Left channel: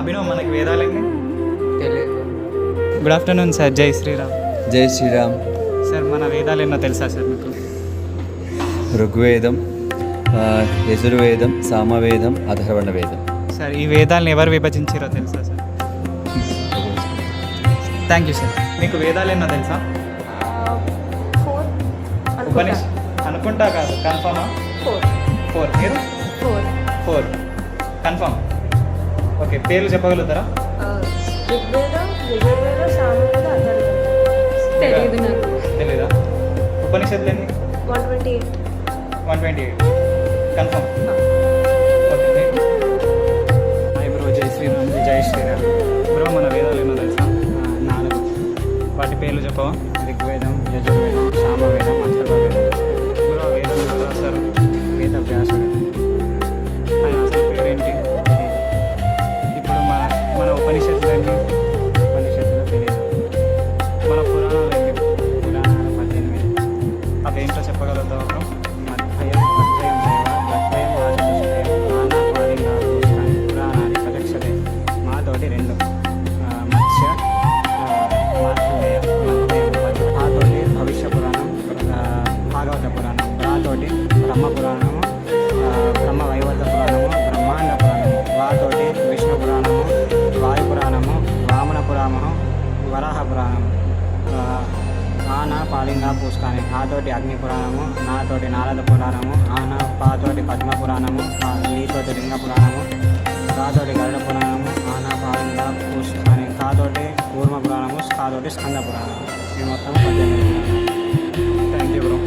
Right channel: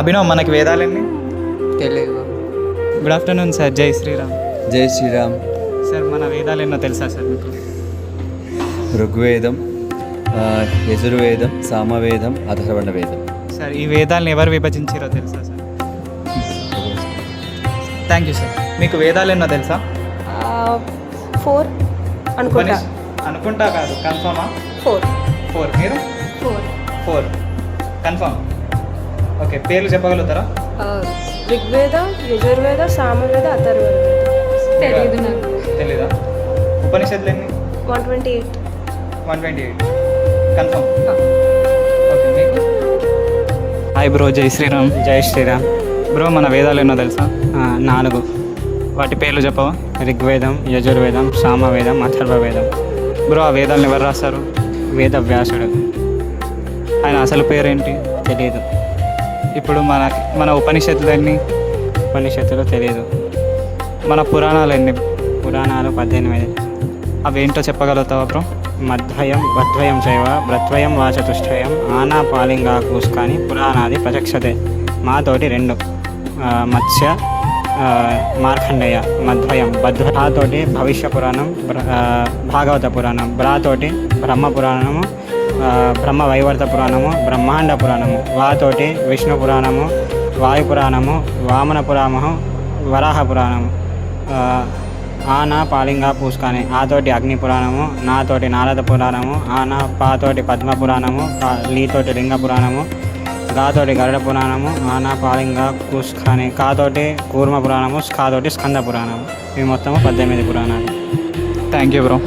అభినవ్, మనకి వేదాలన్నీ తెలియదు. Good afternoon sir. జై శ్రీరామ్. జై శ్రీరామ్. సార్, మన వేదాలు ఎన్నో తెలుసా సార్ మీకు? ఋగ్వేదం, యజుర్వేదం, సామవేదం, అథర్వణ వేదం. సార్, ఈ వేదాలను ఎవరు విభజించారో తెలుసా సార్? Thank you sir. మీకు వేదాలు ఎన్నో తెలుసా? 4 అనుకుంటా. అనుకుంటా కాదు, కన్ఫర్మా? 4. మీరు? 4 కన్ఫర్మ్. ఓకే, పేర్లు చెప్పగలుగుతారా? ఋగ్వేద, యజుర్వేద, సామవేద, అథర్వవేద. తెలియదు నాకు. తెలీదా? ఉపనిషత్తులు ఎన్ని? 128. 128 కన్ఫర్మ్. ఓకే, మీకు? హాయ్ బ్రో, జై శ్రీరామ్. జై శ్రీరామ్. బ్రో, మన వేదాలు ఎన్నో తెలుసా? 4. వాటి పేర్లు చెప్పవా? ఋగ్వేదం, యజుర్వేదం, సామవేదం, అథర్వవేదం. బ్రో, ఆ వేదాలను ఎవరు రాస్తారు? వేదవ్యాసుడు. ఆయన అసలు పేరేంటి? తెలియదు. ఇప్పుడు మన ఉపనిషత్తులన్నీ, ఉపనిషత్తులు తెలియదు. మన పురాణాలు ఎన్ని? పురాణాలు 18. అవేంటో చెప్పగలుగుతావా బ్రో? మధ్వయం వద్వయం చైవ బ్రత్వయం వాచతుష్టయం ఆనా పాలింగా కూస్కాని పురాణాది ప్రచక్షతే. మాతోటి 2 మత్స్య మార్కండేయ. మధ్వయం భద్రాతోటి భవిష్య పురాణం, భాగవత పురాణం. బ్రాతోటి బ్రహ్మ పురాణము, బ్రహ్మ వైవర్త పురాణము, బ్రహ్మాండ పురాణము. వాతోటి విష్ణు పురాణము, వాయు పురాణము, వామన పురాణము, వరాహ పురాణము. ఆనా పాలింగా పూసుకాని. ఆతోటి అగ్ని పురాణము, నాతోటి నారద పురాణము, ఆనా పాతోటి పద్మ పురాణము, లీతోటి లింగ పురాణము, గాతోటి గరుడ పురాణము, ఆనా పాలింగా పూసుకాని. కాతోటి కూర్మ పురాణము, స్కాతోటి స్కంద పురాణము. ఇవి మొత్తము 18 పురాణాలు. Thank you bro.